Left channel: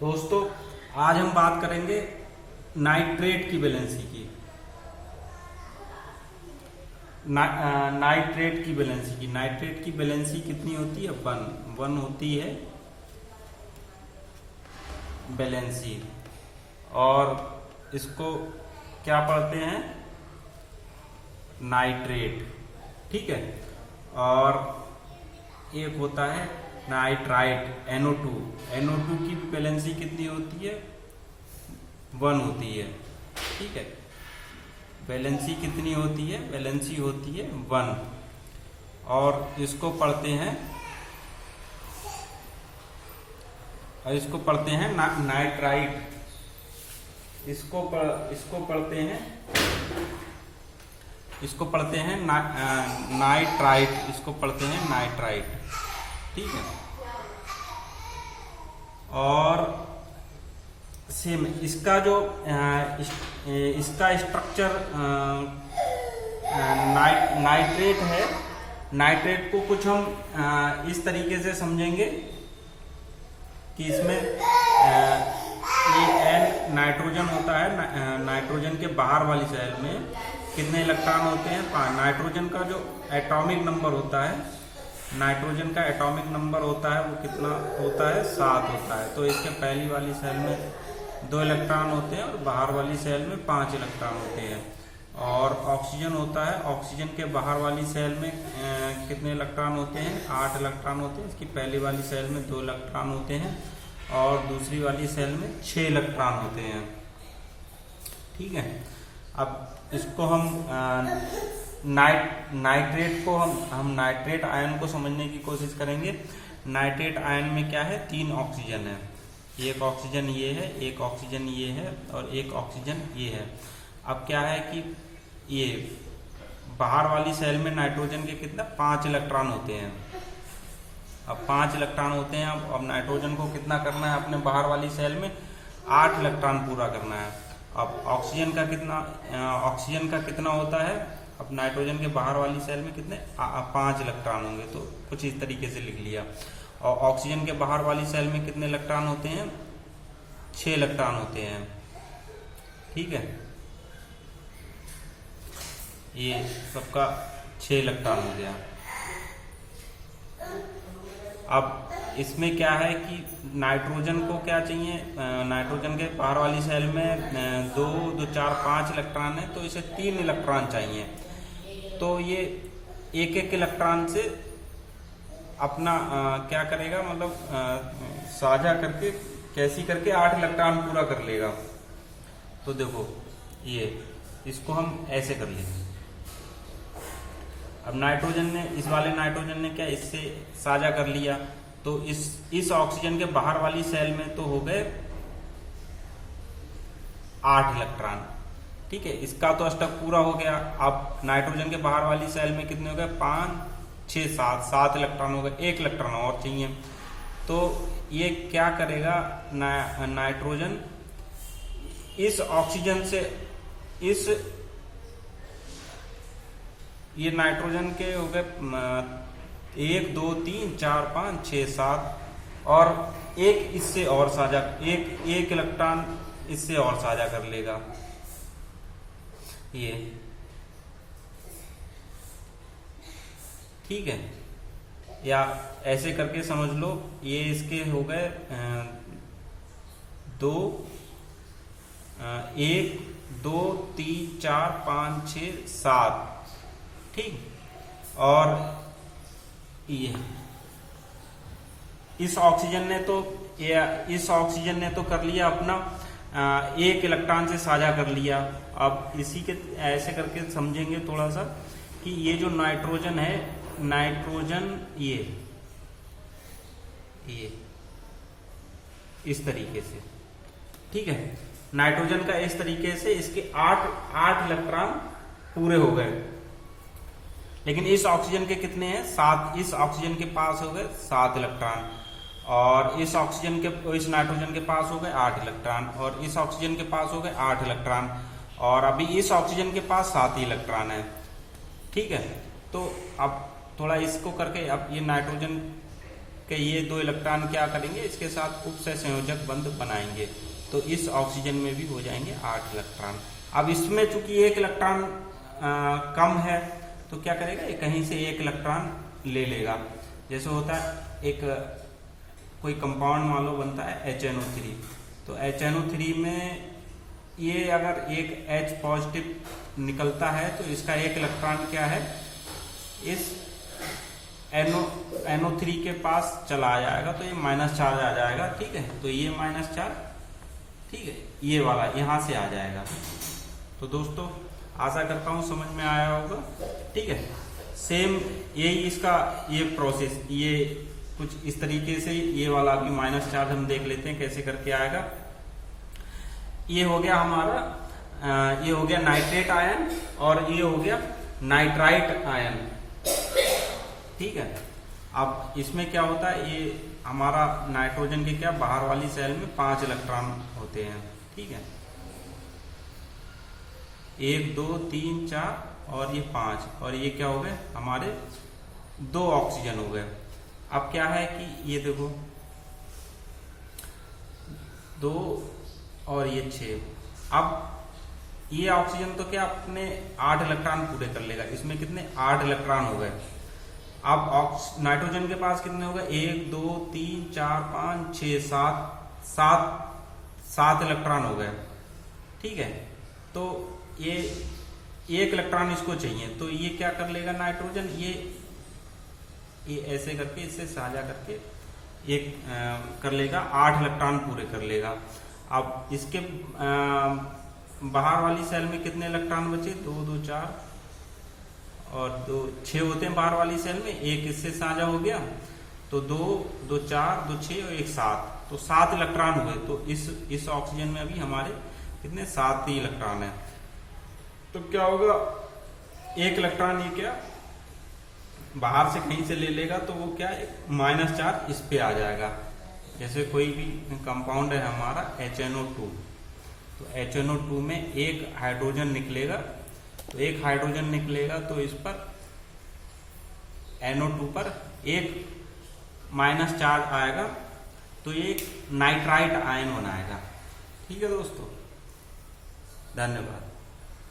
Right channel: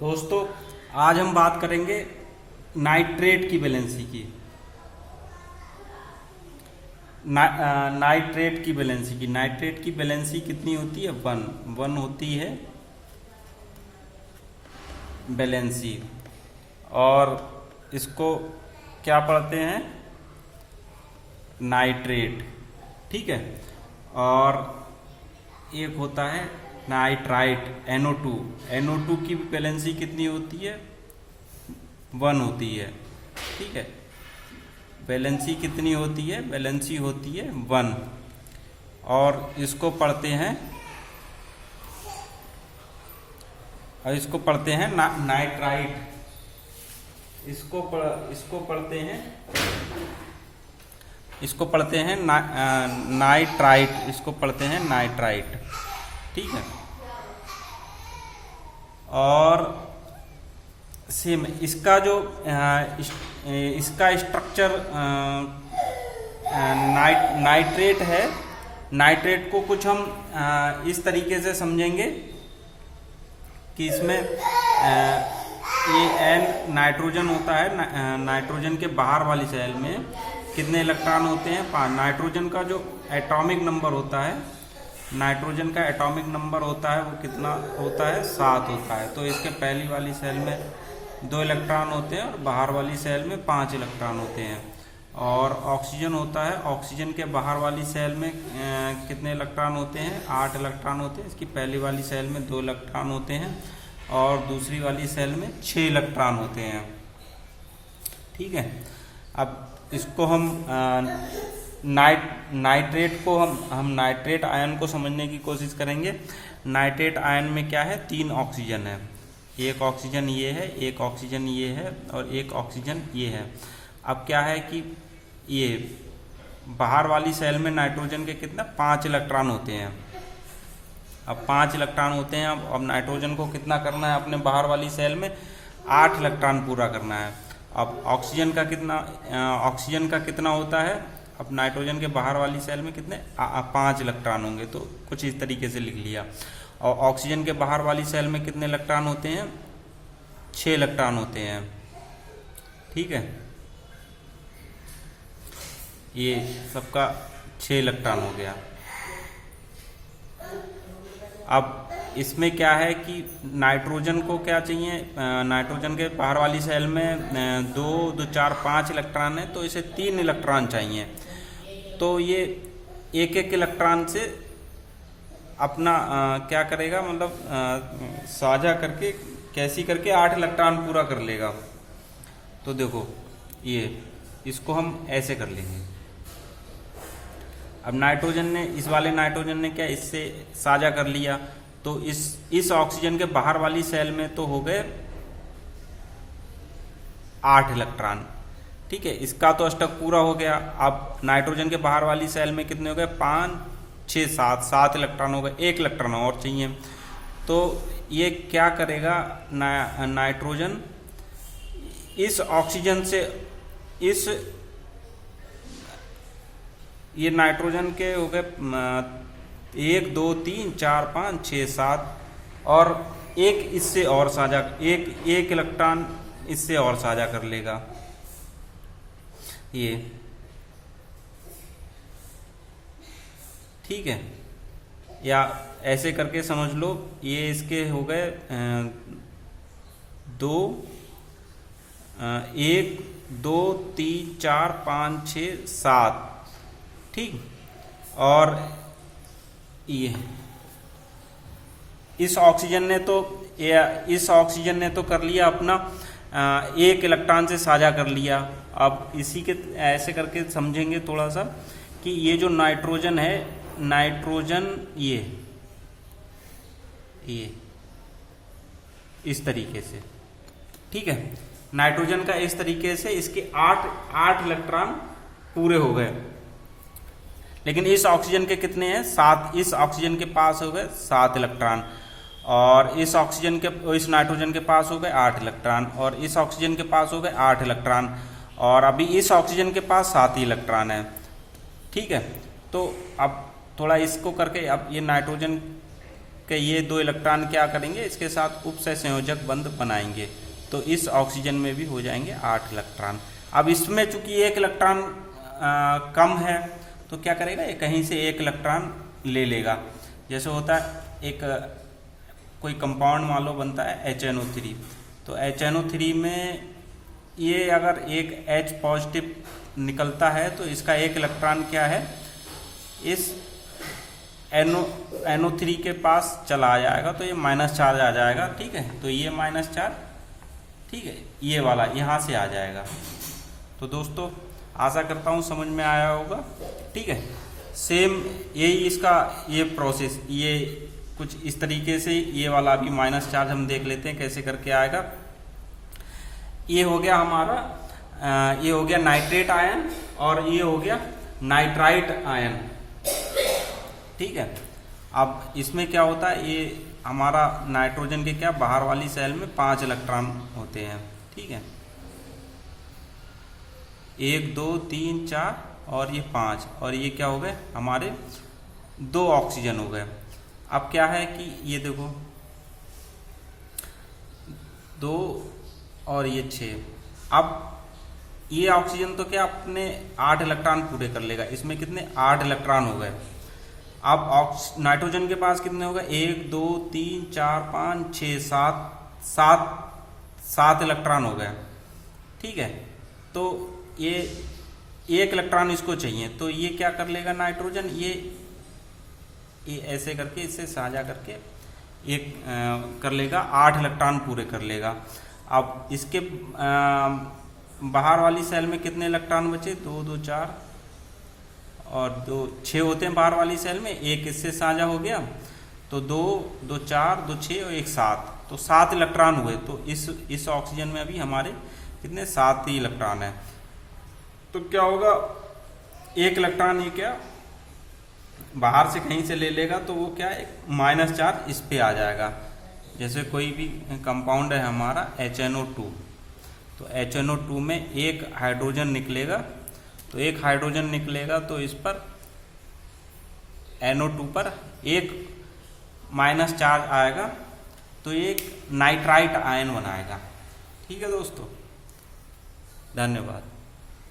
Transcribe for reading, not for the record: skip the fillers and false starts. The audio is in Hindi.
दोस्तों, आज हम बात करेंगे नाइट्रेट की वैलेंसी की। नाइट्रेट की वैलेंसी की नाइट्रेट की वैलेंसी कितनी होती है? वन होती है वैलेंसी। और इसको क्या पढ़ते हैं? नाइट्रेट। ठीक है। और एक होता है नाइट्राइट, NO2। NO2 की वैलेंसी कितनी होती है? 1 होती है। ठीक है। वैलेंसी कितनी होती है? वैलेंसी होती है 1। और इसको पढ़ते हैं नाइट्राइट। इसको पढ़ते हैं नाइट्राइट। इसको पढ़ते हैं नाइट्राइट। ठीक है। और सेम इसका जो इसका स्ट्रक्चर नाइट्रेट है। नाइट्रेट को कुछ हम इस तरीके से समझेंगे कि इसमें ये N नाइट्रोजन होता है। नाइट्रोजन के बाहर वाली सेल में कितने इलेक्ट्रॉन होते हैं? 5। नाइट्रोजन का जो एटॉमिक नंबर होता है, नाइट्रोजन का एटॉमिक नंबर होता है, वो कितना होता है? 7 होता है। तो इसके पहली वाली सेल में 2 इलेक्ट्रॉन होते हैं और बाहर वाली सेल में 5 इलेक्ट्रॉन होते हैं। और ऑक्सीजन होता है। ऑक्सीजन के बाहर वाली सेल में कितने इलेक्ट्रॉन होते हैं? 8 इलेक्ट्रॉन होते हैं। इसकी पहली वाली सेल में 2 इलेक्ट्रॉन होते हैं और दूसरी वाली सेल में 6 इलेक्ट्रॉन होते हैं। ठीक है। अब इसको हम नाइट्रेट को हम नाइट्रेट आयन को समझने की कोशिश करेंगे। नाइट्रेट आयन में क्या है? 3 ऑक्सीजन है। एक ऑक्सीजन ये है, एक ऑक्सीजन ये है और एक ऑक्सीजन ये है। अब क्या है कि ये बाहर वाली सेल में नाइट्रोजन के कितना? 5 इलेक्ट्रॉन होते हैं। अब 5 इलेक्ट्रॉन होते हैं। अब नाइट्रोजन को कितना करना है? अपने बाहर वाली सेल में 8 इलेक्ट्रॉन पूरा करना है। अब ऑक्सीजन का कितना होता है? अब नाइट्रोजन के बाहर वाली सेल में कितने? 5 इलेक्ट्रॉन होंगे। तो कुछ इस तरीके से लिख लिया। और ऑक्सीजन के बाहर वाली सेल में कितने इलेक्ट्रॉन होते हैं? 6 इलेक्ट्रॉन होते हैं। ठीक है। ये सबका 6 इलेक्ट्रॉन हो गया। अब इसमें क्या है कि नाइट्रोजन को क्या चाहिए? नाइट्रोजन के बाहर वाली सेल में 2, 4, 5 इलेक्ट्रॉन है, तो इसे 3 इलेक्ट्रॉन चाहिए। तो ये एक इलेक्ट्रॉन से अपना क्या करेगा? मतलब साझा करके कैसी करके 8 इलेक्ट्रॉन पूरा कर लेगा। तो देखो, ये इसको हम ऐसे कर लेंगे। अब इस वाले नाइट्रोजन ने क्या इससे साझा कर लिया, तो इस ऑक्सीजन के बाहर वाली सेल में तो हो गए 8 इलेक्ट्रॉन। ठीक है। इसका तो अष्टक पूरा हो गया। अब नाइट्रोजन के बाहर वाली सेल में कितने हो गए? 5, 6, 7 इलेक्ट्रॉन हो गए। 1 इलेक्ट्रॉन और चाहिए। तो ये क्या करेगा? नाइट्रोजन इस ऑक्सीजन से ये नाइट्रोजन के हो गए 1, 2, 3, 4, 5, 6, 7 और एक इससे और साझा एक इलेक्ट्रॉन इससे और साझा कर लेगा। ये ठीक है। या ऐसे करके समझ लो, ये इसके हो गए 2, 1, 2, 3, 4, 5, 6, 7। ठीक। और ये इस ऑक्सीजन ने तो कर लिया अपना 1 इलेक्ट्रॉन से साझा कर लिया। अब इसी के ऐसे करके समझेंगे थोड़ा सा कि ये जो नाइट्रोजन है, नाइट्रोजन ये इस तरीके से। ठीक है। नाइट्रोजन का इस तरीके से इसके 8 इलेक्ट्रॉन पूरे हो गए। लेकिन इस ऑक्सीजन के कितने हैं? 7। इस ऑक्सीजन के पास हो गए 7 इलेक्ट्रॉन और इस नाइट्रोजन के पास हो गए 8 इलेक्ट्रॉन और इस ऑक्सीजन के पास हो गए 8 इलेक्ट्रॉन और अभी इस ऑक्सीजन के पास 7 ही इलेक्ट्रॉन है। ठीक है। तो अब थोड़ा इसको करके अब ये नाइट्रोजन कि ये 2 इलेक्ट्रॉन क्या करेंगे, इसके साथ उपसहसंयोजक बंध बनाएंगे, तो इस ऑक्सीजन में भी हो जाएंगे 8 इलेक्ट्रॉन। अब इसमें चूंकि 1 इलेक्ट्रॉन कम है तो क्या करेगा, ये कहीं से 1 इलेक्ट्रॉन ले लेगा। जैसे होता है एक कोई कंपाउंड मान लो बनता है HNO3, तो HNO3 में ये अगर एक H पॉजिटिव निकलता है तो इसका 1 इलेक्ट्रॉन क्या है, इस NO3 के पास चला जाएगा, तो ये माइनस चार्ज आ जाएगा। ठीक है, तो ये माइनस चार्ज, ठीक है, ये वाला यहाँ से आ जाएगा। तो दोस्तों आशा करता हूँ समझ में आया होगा। ठीक है, सेम यही इसका ये प्रोसेस, ये कुछ इस तरीके से ये वाला अभी माइनस चार्ज हम देख लेते हैं कैसे करके आएगा। ये हो गया हमारा, ये हो गया नाइट्रेट आयन और ये हो गया नाइट्राइट आयन। ठीक है, अब इसमें क्या होता है, ये हमारा नाइट्रोजन के क्या बाहर वाली सेल में 5 इलेक्ट्रॉन होते हैं। ठीक है, 1 2 3 4 और ये 5, और ये क्या हो गए हमारे 2 ऑक्सीजन हो गए। अब क्या है कि ये देखो 2 और ये 6, अब ये ऑक्सीजन तो क्या अपने 8 इलेक्ट्रॉन पूरे कर लेगा, इसमें कितने 8 इलेक्ट्रॉन हो गए। अब नाइट्रोजन के पास कितने हो गए, 1 2 3 4 5 6 7 इलेक्ट्रॉन हो गए। ठीक है, तो ये 1 इलेक्ट्रॉन इसको चाहिए, तो ये क्या कर लेगा नाइट्रोजन, ये ऐसे करके इससे साझा करके एक कर लेगा, 8 इलेक्ट्रॉन पूरे कर लेगा। अब इसके बाहर वाली सेल में कितने इलेक्ट्रॉन बचे, 2 2 4 और 2 6 होते हैं बाहर वाली सेल में, एक इससे साझा हो गया, तो 2 2 4 2 6 और 1 7, तो 7 इलेक्ट्रॉन हुए। तो इस ऑक्सीजन में अभी हमारे कितने 7 ही इलेक्ट्रॉन है। तो क्या होगा, 1 इलेक्ट्रॉन ये क्या बाहर से कहीं से ले लेगा, तो वो क्या है माइनस चार्ज इस पे आ जाएगा। जैसे कोई भी कंपाउंड है हमारा HNO2, तो HNO2 में 1 हाइड्रोजन निकलेगा, तो 1 हाइड्रोजन निकलेगा तो इस पर NO2 पर 1 माइनस चार्ज आएगा, तो एक नाइट्राइट आयन बनाएगा। ठीक है दोस्तों, धन्यवाद।